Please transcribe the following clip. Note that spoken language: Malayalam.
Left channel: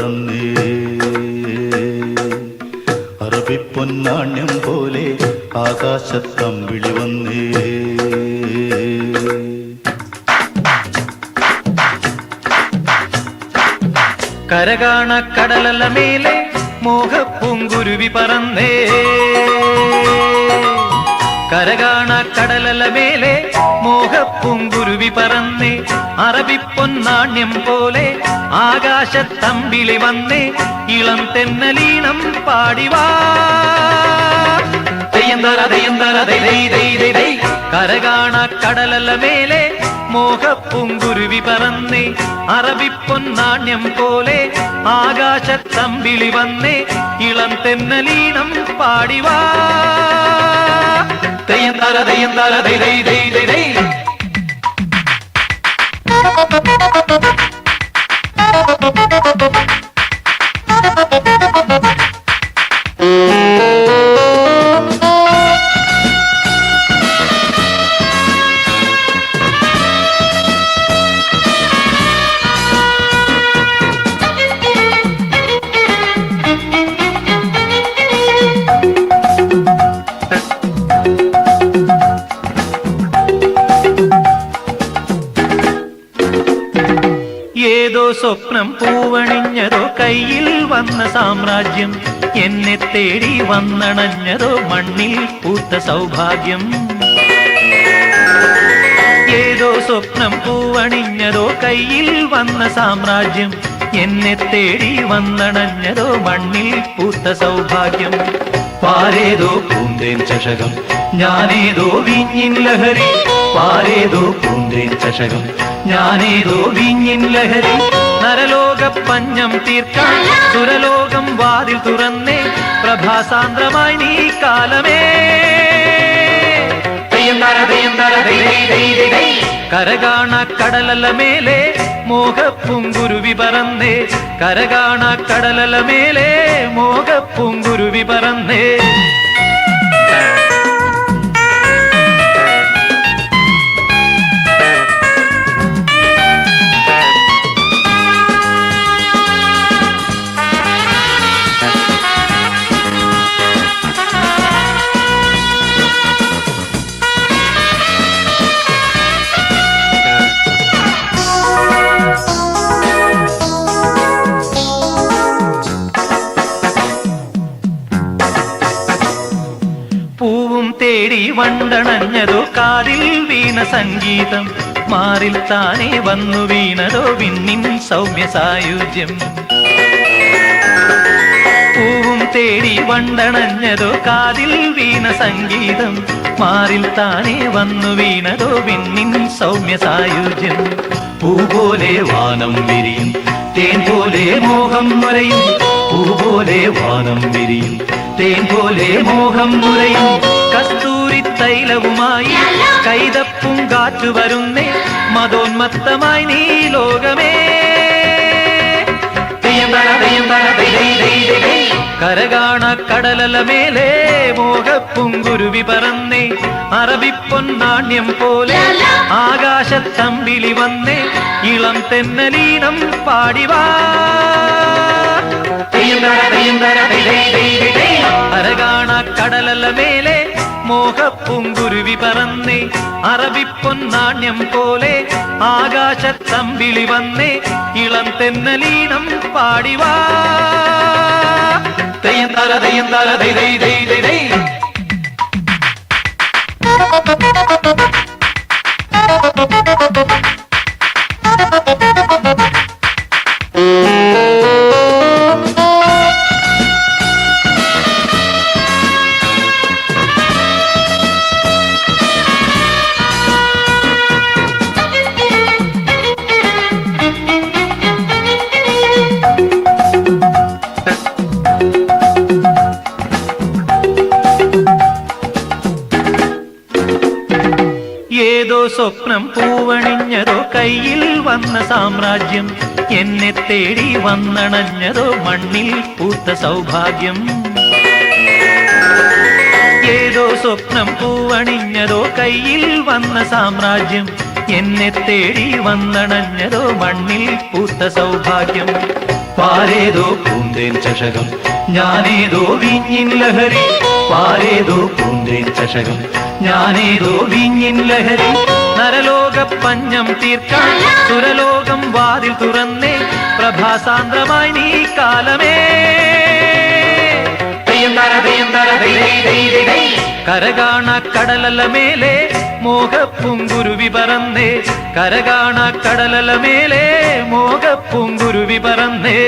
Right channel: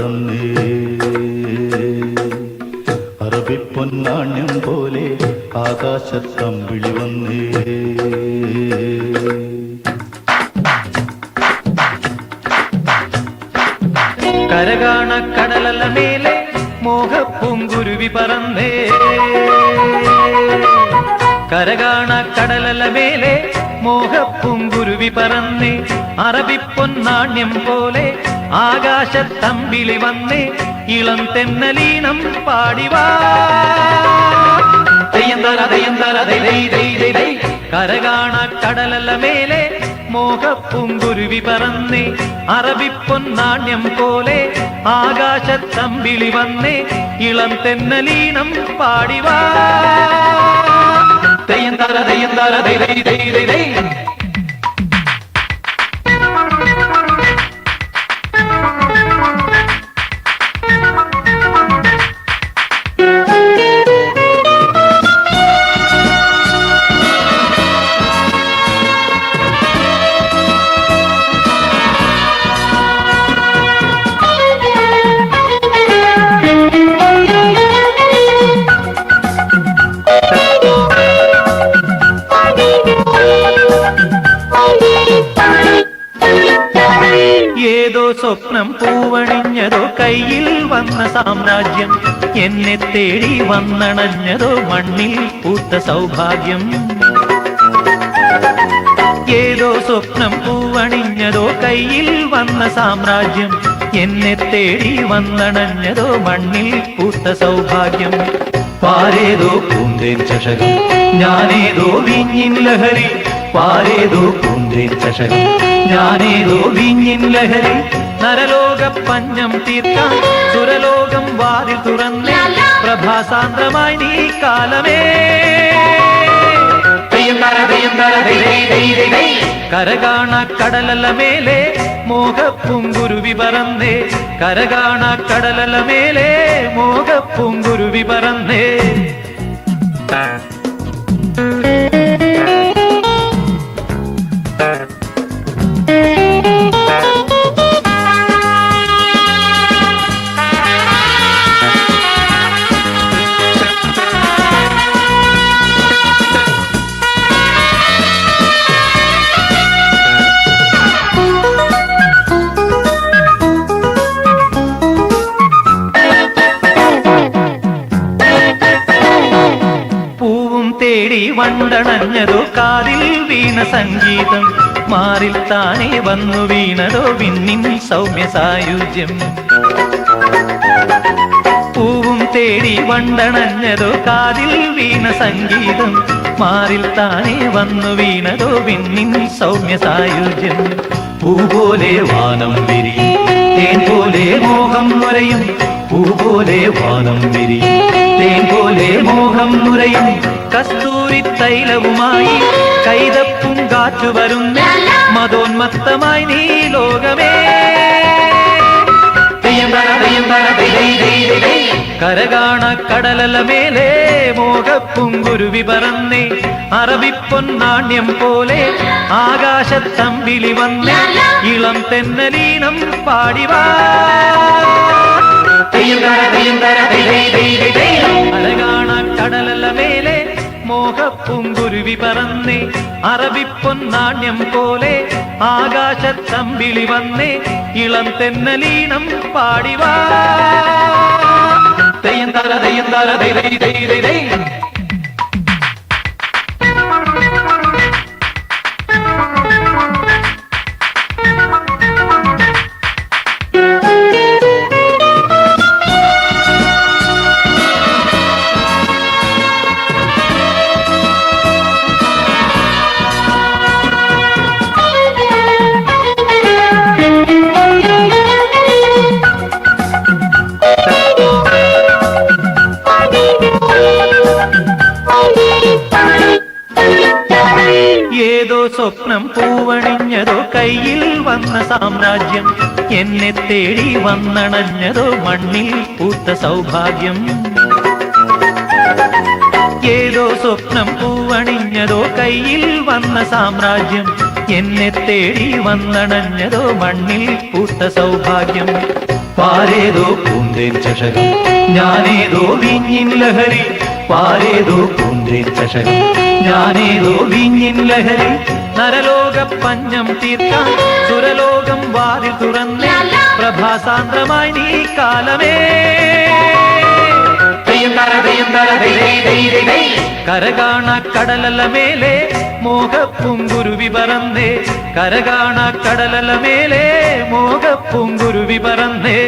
പറന്നേ അറബിപ്പൊന്നാണ്യം പോലെ ആകാശത്തമ്പിളി വന്നേ കരകാണ കടലല മേലെ മോഹപ്പൂങ്കുരുവി പറന്നേ കരകാണ കടലല മേലെ മോഹപ്പൂങ്കുരുവി പറന്നേ അറബിപ്പൊന്നാണ്യം പോലെ ആകാശത്തമ്പിളി വന്നേ ഇളം തെന്നലീണം പാടിവാ കരകാണ കടലല മേലെ മോഹപ്പൂങ്കുരുവി പറന്നേ അറബിപ്പൊന്നാണ്യം പോലെ ആകാശത്തമ്പിളി വന്നേ ഇളം തെന്നലീണം പാടിവാ ഏതോ സ്വപ്നം പൂവണിഞ്ഞതോ കയ്യിൽ വന്ന സാമ്രാജ്യം എന്നെ തേടി വന്നണഞ്ഞതോ മണ്ണിൽ പൂത്ത സൗഭാഗ്യം ഏതോ സ്വപ്നം പൂവണിഞ്ഞതോ കയ്യിൽ വന്ന സാമ്രാജ്യം എന്നെ തേടി വന്നണഞ്ഞതോ മണ്ണിൽ പൂത്ത സൗഭാഗ്യം പാരേതോ പൂന്തേൻ ചഷകം ഞാനേതോ വിങ്ങിൻ ലഹരി പാരേതോ പൂന്തേൻ ചഷകം ഞാനേതോ വിങ്ങിൻ ലഹരി നരലോക പഞ്ഞം തീർക്കാൻ സുരലോകം വാതിൽ തുറന്നേ പ്രഭാസാന്ദ്രമായി നീ കാലമേ കരകാണ കടലല മേലെ മോഹപ്പൂങ്കുരുവി പറന്നേ കരകാണ കടലല മേലെ മോഹപ്പൂങ്കുരുവി പറന്നേ വണ്ടണഞ്ഞതോ കാതിൽ വീണ സംഗീതം മാറിൽ താനെ വന്നു വീണതോ വിണ്ണിൻ സൗമ്യ സായുജ്യം പൂവും തേടി വണ്ടണഞ്ഞതോ കാതിൽ വീണ സംഗീതം മാറിൽ താനെ വന്നു വീണതോ വിണ്ണിൻ സൗമ്യ സായുജ്യം പൂ പോലെ വാനം വിരിയും തേൻ പോലെ മോഹം നുരയും പൂ പോലെ വാനം വിരിയും തേൻ പോലെ മോഹം നുരയും കസ്തൂരി തൈലവുമായി കൈതപ്പും കാറ്റു വരുന്നേ മതോന്മത്തമായി നീ ലോകമേ കരകാണ കടലല മേലെ മോഹപ്പൂങ്കുരുവി പറന്നേ അറബിപ്പൊന്നാണ്യം പോലെ ആകാശത്തമ്പിളി വന്നേ ഇളം തെന്നലീണം പാടിവാ കരകാണ കടലല മേലെ മോഹപ്പൂങ്കുരുവി പറന്നേ അറബിപ്പൊന്നാണ്യം പോലെ ആകാശത്തമ്പിളി വന്നേ ഇളം തെന്നലീണം പാടിവാ സ്വപ്നം പൂവണിഞ്ഞതോ കയ്യിൽ വന്ന സാമ്രാജ്യം എന്നെ തേടി വന്നണഞ്ഞതോ മണ്ണിൽ പൂത്ത സൗഭാഗ്യം ഏതോ സ്വപ്നം പൂവണിഞ്ഞതോ കയ്യിൽ വന്ന സാമ്രാജ്യം എന്നെ തേടി വന്നണഞ്ഞതോ മണ്ണിൽ പൂത്ത സൗഭാഗ്യം പാരേതോ പൂന്തേൻ ചഷകം ഞാനേതോ വിഞ്ഞിൻ ലഹരി പാരേതോ പൂന്തേൻ ചഷകം ഞാനേതോ വിഞ്ഞിൻ ലഹരി നരലോക പഞ്ഞം തീർക്കാൻ സുരലോകം വാതിൽ തുറന്നേ പ്രഭാസാന്ദ്രമായി നീ കാലമേ കരകാണ കടലല മേലെ മോഹപ്പുങ്കുരുവി പറന്നേ കരകാണ കടലല മേലെ മോഹപ്പുങ്കുരുവി പറന്നേ